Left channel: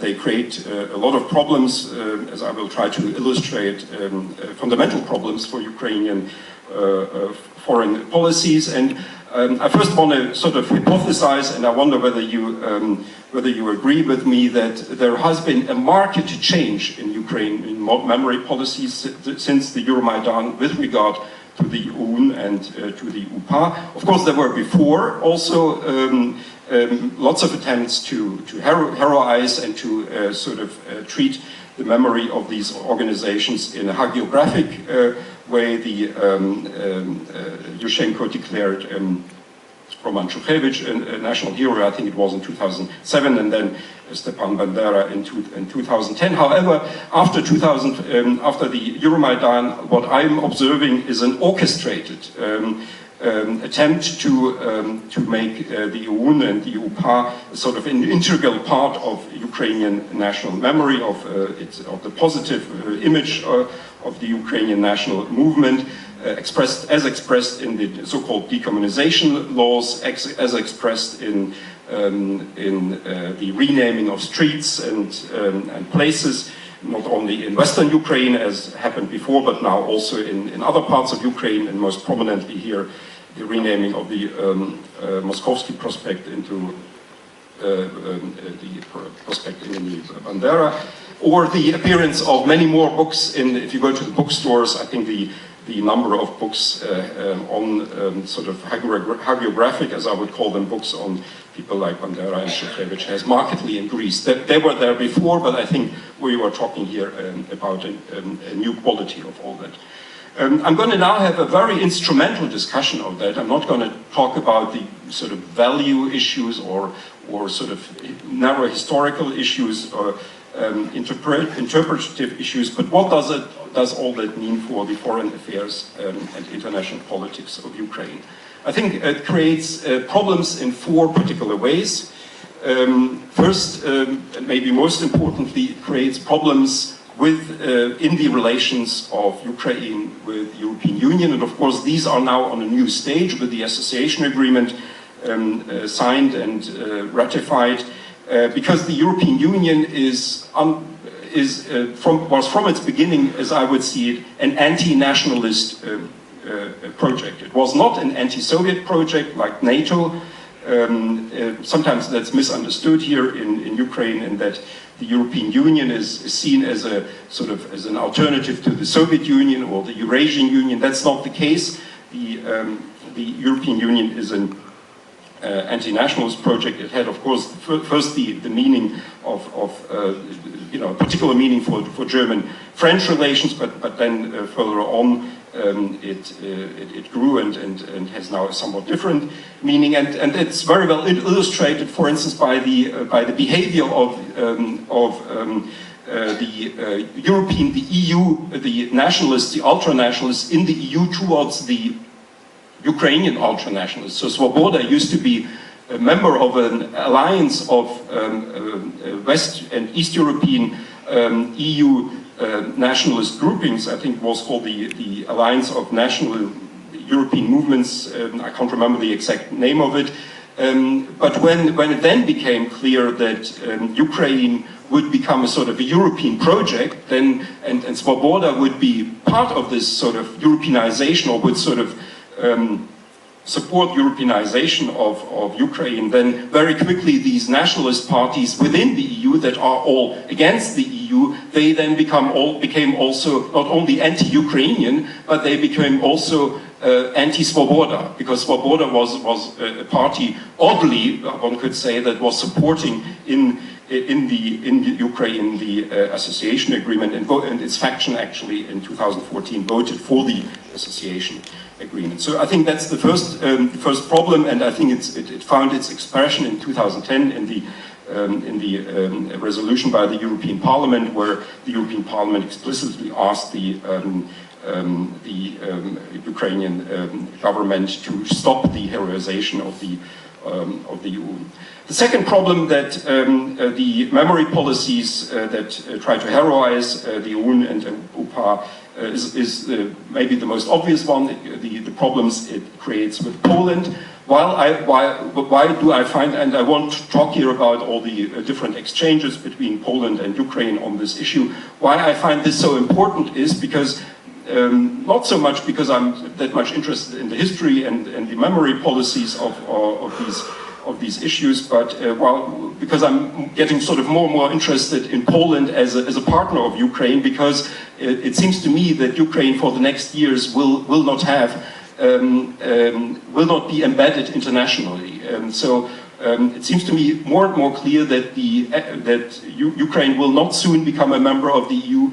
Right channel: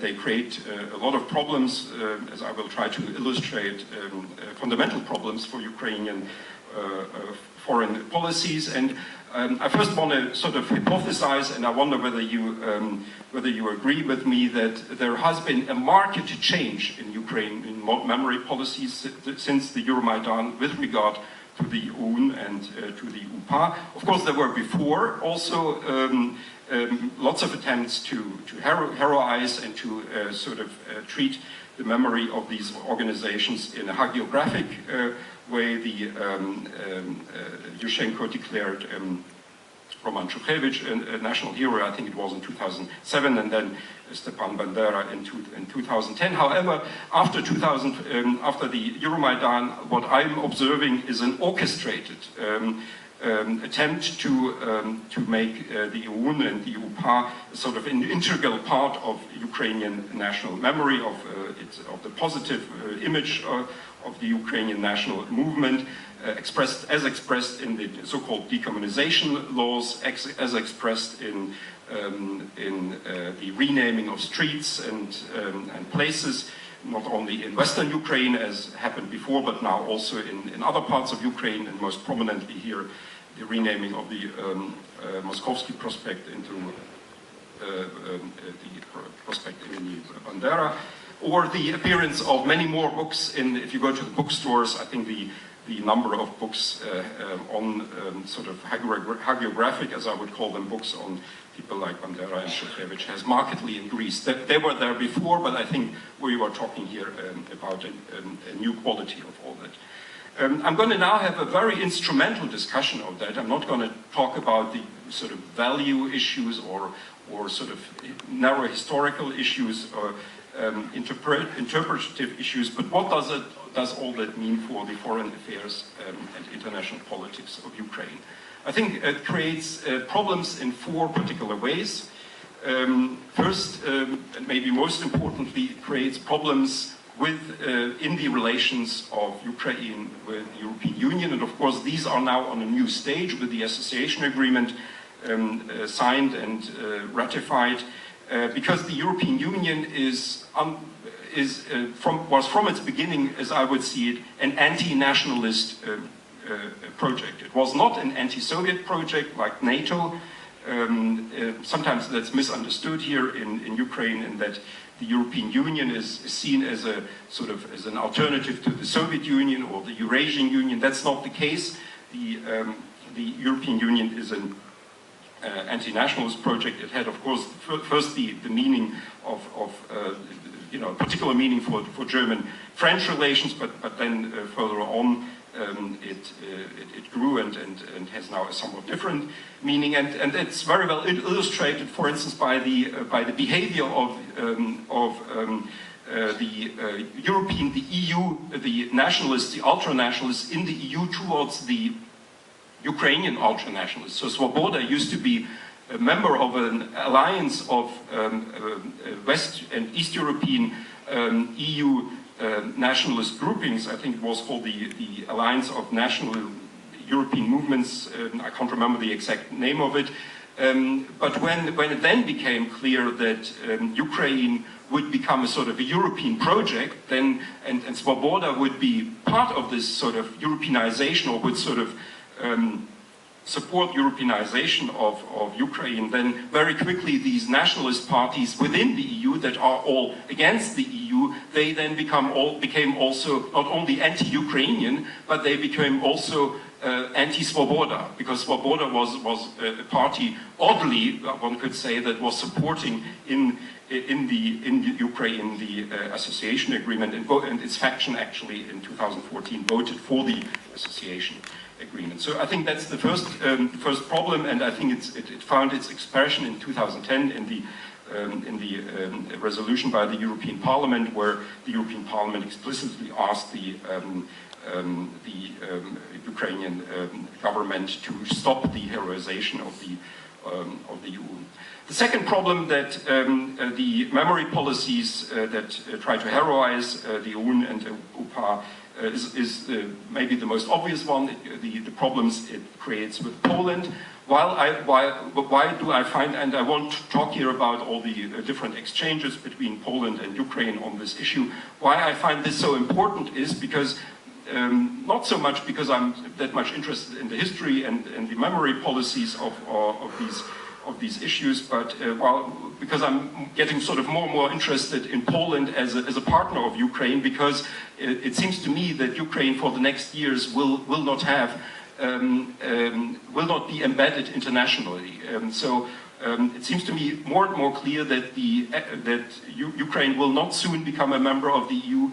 they create a lot of problems, as I will try to illustrate, fundamental problems for Ukrainian foreign policies. And I first want to sort of hypothesize, and I wonder whether you agree with me, that there has been a marked change in Ukrainian memory policies since the Euromaidan with regard to the UN and to the UPA. Of course, there were before also lots of attempts to heroize and to sort of treat the memory of these organizations in a hagiographic way. The Yushchenko declared Roman Shukhevich a national hero, I think it was in 2007, and then Stepan Bandera in 2010. However, after the Euromaidan, what I'm observing is an orchestrated attempt to make the UN and the UPA sort of an integral part of Ukrainian national memory, of the positive image of the Ukrainian national movement, as expressed in the so-called decommunization laws, as expressed in the renaming of streets and places, not only in Western Ukraine as happened before, but now also in other parts of Ukraine, and most prominently here, the renaming of the Moskovsky Prospect into the Prospect in Bandera, or the appearance of many more books if you go to the bookstores. I think the number of books on sort of hagiographic, as I would call them, books on people like Bandera and Shukhevich has markedly increased. They were there before, but I think we were talking here about a new quality of all that. I'm going to now have a very instrumental discussion of that. I'm not going to talk about the sort of value issues or sort of narrow historical issues or interpretative issues, but what does all that mean for the foreign affairs and international politics of Ukraine? I think it creates problems in four particular ways. First, maybe most importantly, it creates problems in the relations of Ukraine with the European Union, and of course these are now on a new stage with the association agreement signed and ratified, because the European Union was from its beginning, as I would see it, an anti-nationalist project. It was not an anti-Soviet project like NATO. Sometimes that's misunderstood here in Ukraine, in that the European Union is seen as a sort of as an alternative to the Soviet Union or the Eurasian Union. That's not the case. The European Union is an anti-nationalist project. It had, of course, first the meaning of particular meaning for German-French relations, but then further on it grew and has now a somewhat different meaning, and it's very well illustrated, for instance, by the behavior of the EU, the nationalists, the ultra-nationalists in the EU towards the Ukrainian ultra-nationalists. So Svoboda used to be a member of an alliance of West and East European EU nationalist groupings. I think it was called the Alliance of National European Movements. I can't remember the exact name of it. But when it then became clear that Ukraine would become a sort of a European project, then and Svoboda would be part of this sort of Europeanization, or would sort of support Europeanization of Ukraine, then very quickly these nationalist parties within the EU that are all against the EU, they then became also not only anti-Ukrainian, but they became also anti-Svoboda, because Svoboda was a party, oddly, one could say, that was supporting in Ukraine the association agreement, and its faction actually in 2014 voted for the association agreement. So I think that's the first problem, and I think it found its expression in 2010 in the resolution by the European Parliament, where the European Parliament explicitly asked the Ukrainian government to stop the heroization of the EU. The second problem that the memory policies that try to heroize the UN and UPA is maybe the most obvious one, the problems it creates with Poland. why do I find, and I want to talk here about all the different exchanges between Poland and Ukraine on this issue, why I find this so important is because, not so much because I'm that much interested in the history and the memory policies of these issues, but because I'm getting sort of more and more interested in Poland as a partner of Ukraine, because it seems to me that Ukraine for the next years will not be embedded internationally. So it seems to me more and more clear that Ukraine will not soon become a member of the EU.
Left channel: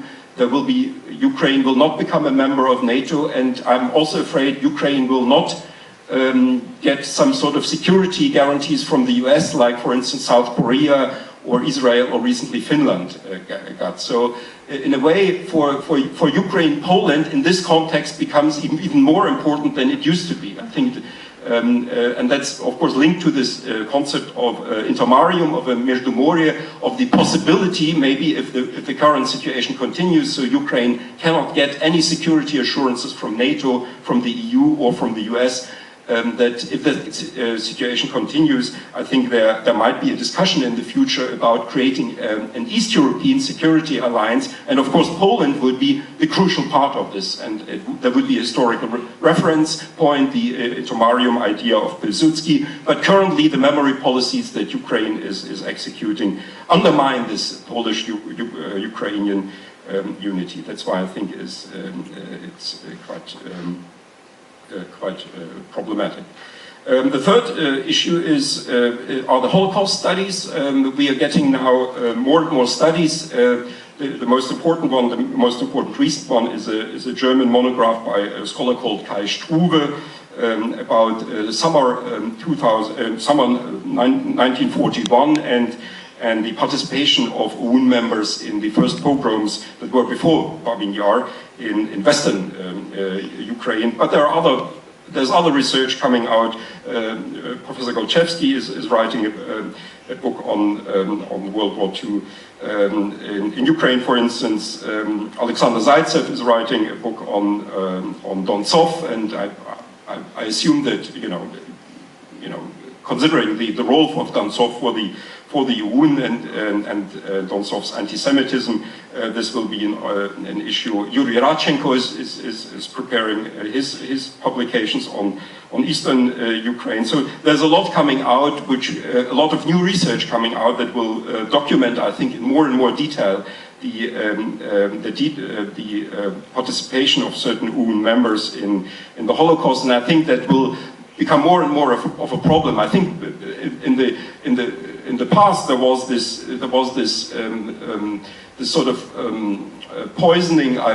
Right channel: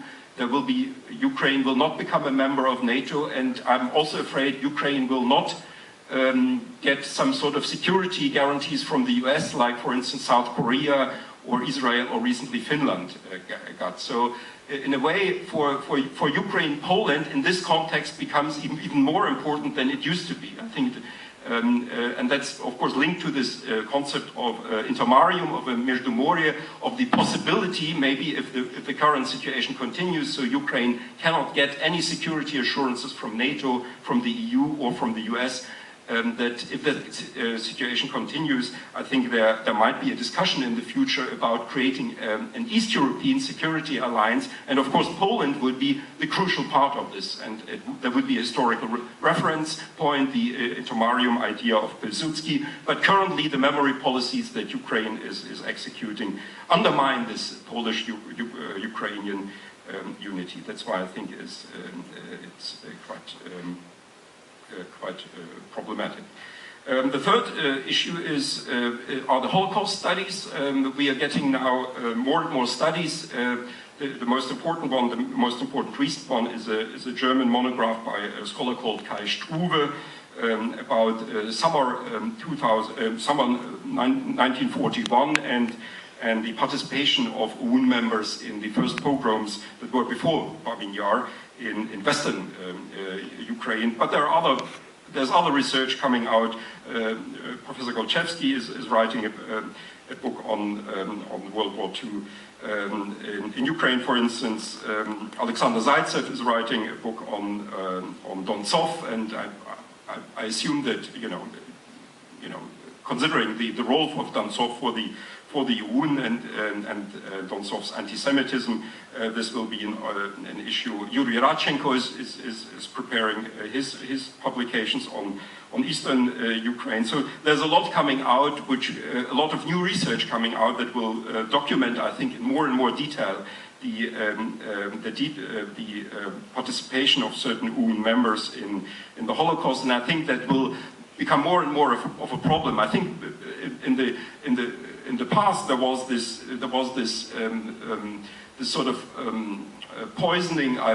Ukraine will not become a member of NATO, and I'm also afraid Ukraine will not get some sort of security guarantees from the US, like for instance South Korea or Israel or recently Finland got. So in a way, for Ukraine, Poland in this context becomes even more important than it used to be. I think, and that's of course linked to this concept of intermarium, of a Междуморье, of the possibility, maybe if the current situation continues, so Ukraine cannot get any security assurances from NATO, from the EU or from the US, that if the situation continues, I think there might be a discussion in the future about creating an East European security alliance, and of course Poland would be the crucial part of this, and there would be a historical reference point, the intermarium idea of Pilsudski, but currently the memory policies that Ukraine is executing undermine this Polish-Ukrainian unity. That's why I think it's quite problematic. The third issue are the Holocaust studies. We are getting now more and more studies. The most important one, the most important recent one, is a German monograph by a scholar called Kai Struve about summer 1941 and the participation of UN members in the first pogroms that were before Babin Yar in western Ukraine. But there's other research coming out. Professor Golchevsky is writing a book on World War II. In Ukraine, for instance, Alexander Zaitsev is writing a book on Dontsov, and I assume that considering the role of Dontsov for the UN and Dontsov's anti-Semitism, this will be an issue. Yuri Radchenko is preparing his publications on Eastern Ukraine. So there's a lot coming out, a lot of new research coming out that will document, I think, in more and more detail the participation of certain UN members in the Holocaust, and I think that will become more and more of a problem. I think in the past there was this sort of poisoning, I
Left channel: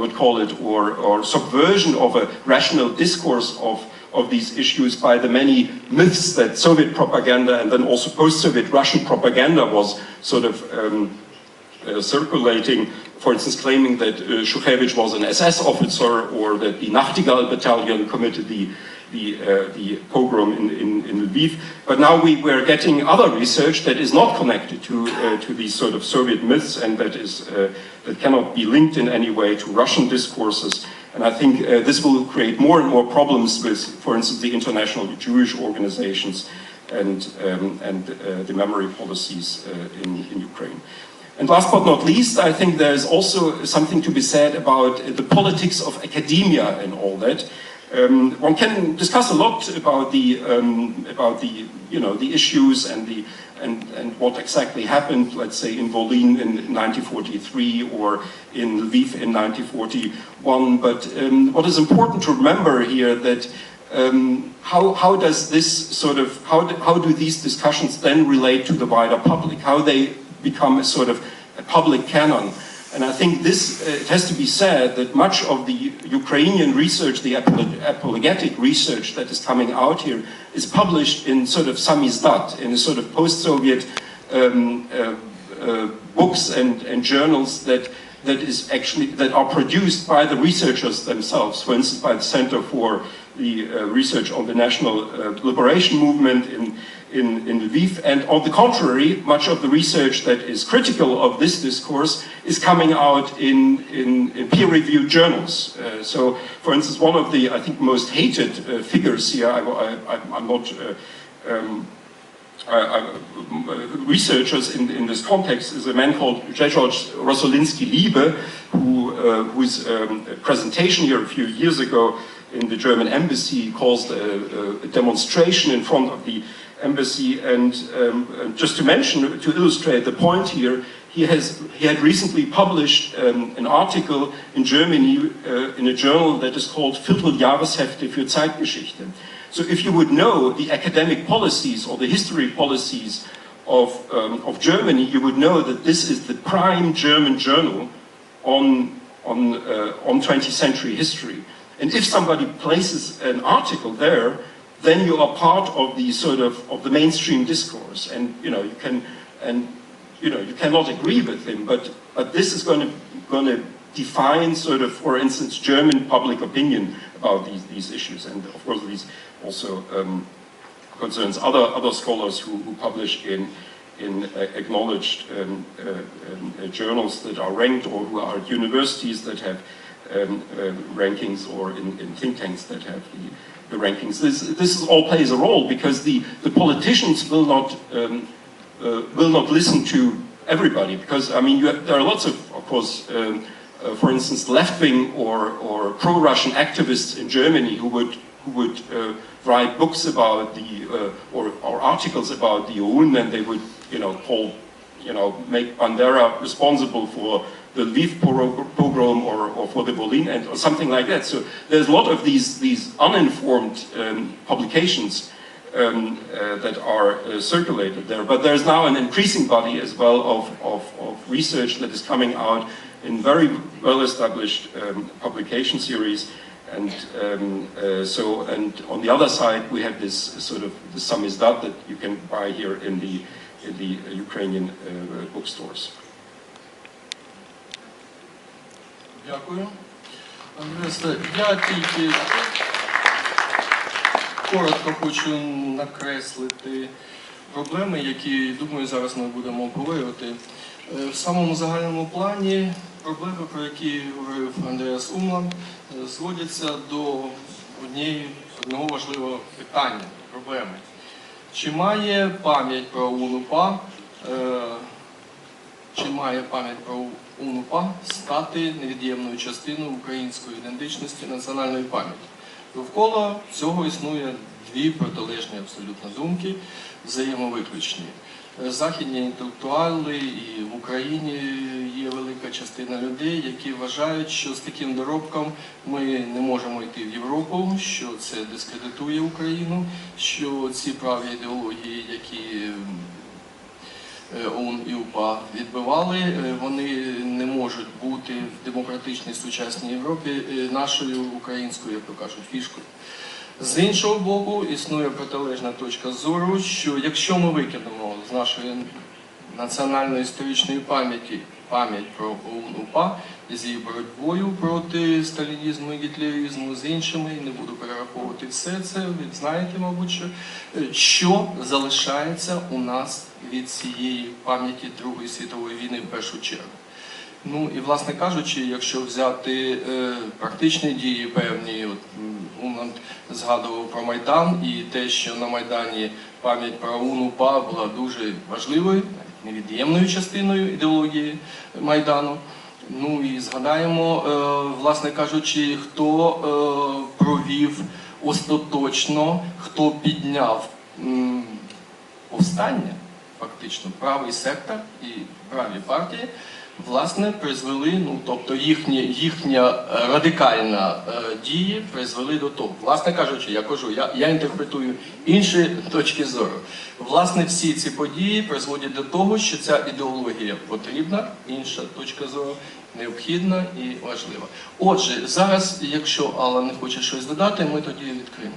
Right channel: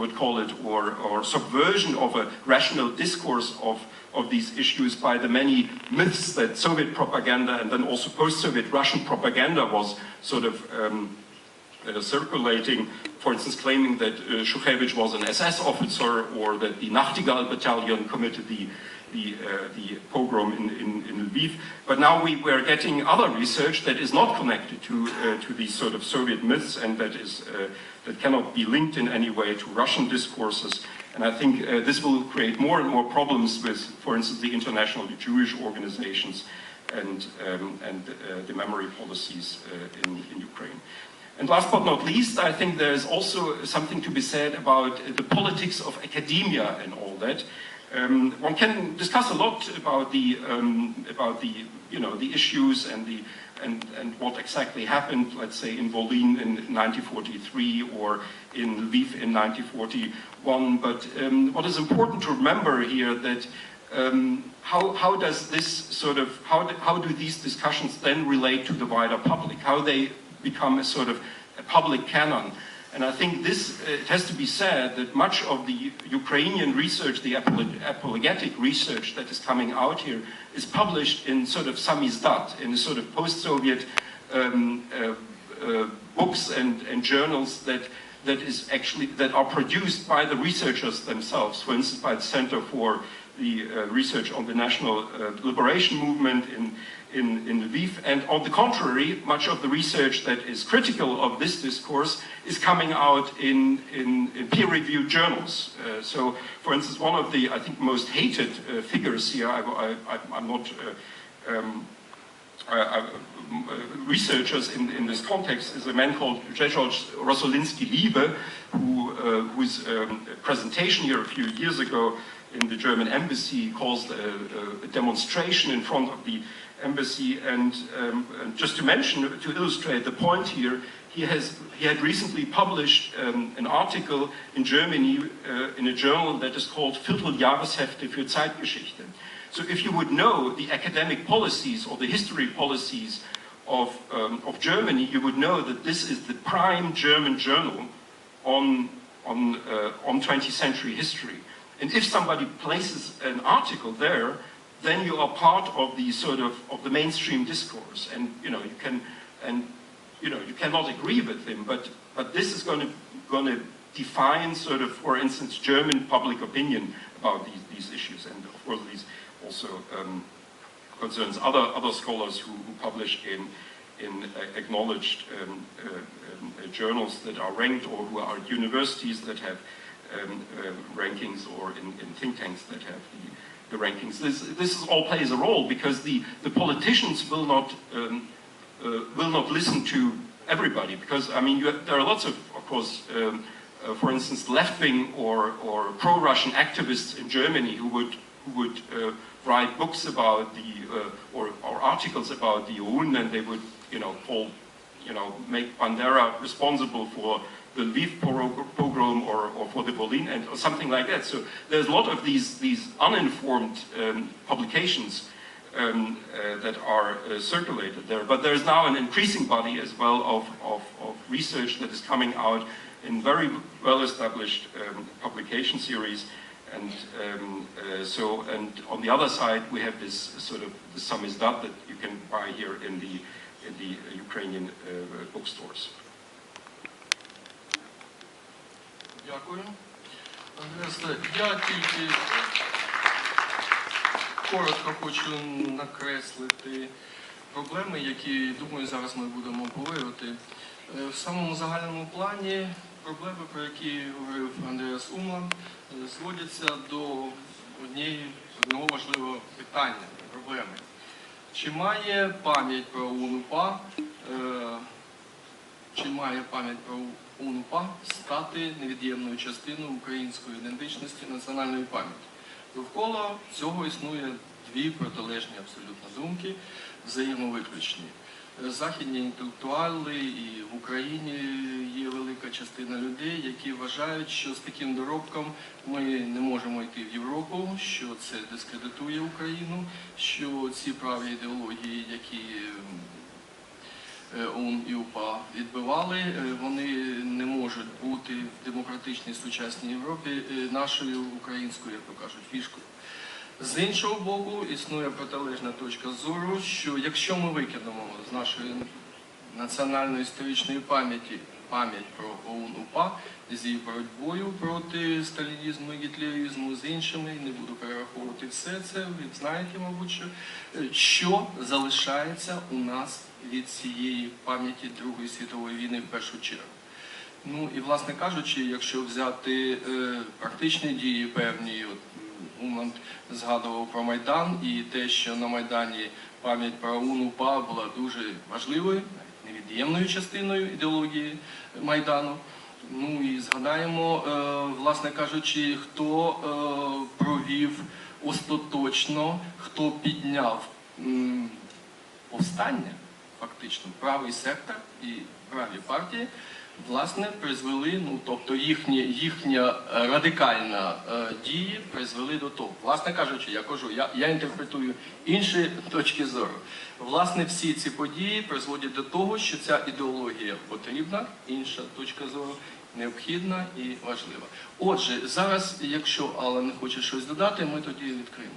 would call it, or subversion of a rational discourse of these issues by the many myths that Soviet propaganda and then also post-Soviet Russian propaganda was sort of circulating. For instance, claiming that Shukhevich was an SS officer, or that the Nachtigall battalion committed the pogrom in Lviv. But now we're getting other research that is not connected to these sort of Soviet myths, and that cannot be linked in any way to Russian discourses. And I think this will create more and more problems with, for instance, the international Jewish organizations and the memory policies in Ukraine. And last but not least, I think there's also something to be said about the politics of academia and all that. One can discuss a lot about the issues and what exactly happened, let's say in Volyn in 1943 or in Lviv in 1941. But what is important to remember here that how do these discussions then relate to the wider public? How they become a sort of a public canon? And I think it has to be said that much of the Ukrainian research, the apologetic research that is coming out here, is published in sort of samizdat, in a sort of post-Soviet books and journals that are produced by the researchers themselves. For instance, by the Center for the Research on the National Liberation Movement in Lviv. And on the contrary, much of the research that is critical of this discourse is coming out in peer-reviewed journals. So, for instance, one of the, I think, most hated figures here, I'm not researchers in this context, is a man called Grzegorz Rosoliński-Liebe, whose presentation here a few years ago in the German embassy caused a demonstration in front of the embassy. And just to mention, to illustrate the point here, he had recently published an article in Germany in a journal that is called Vierteljahreshefte für Zeitgeschichte. So if you would know the academic policies or the history policies of Germany, you would know that this is the prime German journal on 20th century history. And if somebody places an article there, then you are part of the sort of the mainstream discourse, and you cannot agree with him, but this is going to define sort of, for instance, German public opinion about these issues, and of course these also concerns other scholars who publish in acknowledged journals that are ranked, or who are at universities that have rankings, or in think tanks that have the rankings. This all plays a role, because the politicians will not listen to everybody, because I mean there are lots of course, for instance, left-wing or pro-Russian activists in Germany who would write books about or articles about the UN, and they would make Bandera responsible for the Lviv pogrom or for the Berlin end or something like that. So there's a lot of these uninformed publications that are circulated there. But there's now an increasing body as well of research that is coming out in very well-established publication series. And and on the other side, we have this sort of the samizdat that you can buy here in the Ukrainian bookstores. Дякую. Я тільки коротко хочу накреслити проблеми, які, думаю, зараз ми будемо обговорювати. В самому загальному плані проблеми, про які говорив Андреас Умланд, зводяться до одного важливого питання, проблеми. Чи має пам'ять про УНУПА стати невід'ємною частиною української ідентичності, національної пам'яті? Довкола цього існує дві протилежні абсолютно думки, взаємовиключні. Західні інтелектуали і в Україні є велика частина людей, які вважають, що з таким доробком ми не можемо йти в Європу, що це дискредитує Україну, що ці праві ідеології, які ОУН і УПА відбивали, вони не можуть бути в демократичній сучасній Європі нашою українською, як то кажуть, фішкою. З іншого боку, існує протилежна точка зору, що якщо ми викинемо з нашої національно-історичної пам'яті пам'ять про ОУН-УПА з її боротьбою проти сталінізму і гітлеризму, з іншими, не буду перераховувати все це, ви знаєте, мабуть, що залишається у нас від цієї пам'яті Другої світової війни в першу чергу. Ну і, власне кажучи, якщо взяти практичні дії певні, Умланд згадував про Майдан, і те, що на Майдані пам'ять про ОУН-УПА була дуже важливою, невід'ємною частиною ідеології Майдану. Ну і згадаємо, власне кажучи, хто провів остаточно, хто підняв повстання, фактично, правий сектор і праві партії, власне, призвели, тобто їхня радикальна дії призвели до того. Власне кажучи, я інтерпретую інші точки зору. Власне, всі ці події призводять до того, що ця ідеологія потрібна, інша точка зору необхідна і важлива. Отже, зараз, якщо Алла не хоче щось додати, ми тоді відкриємо.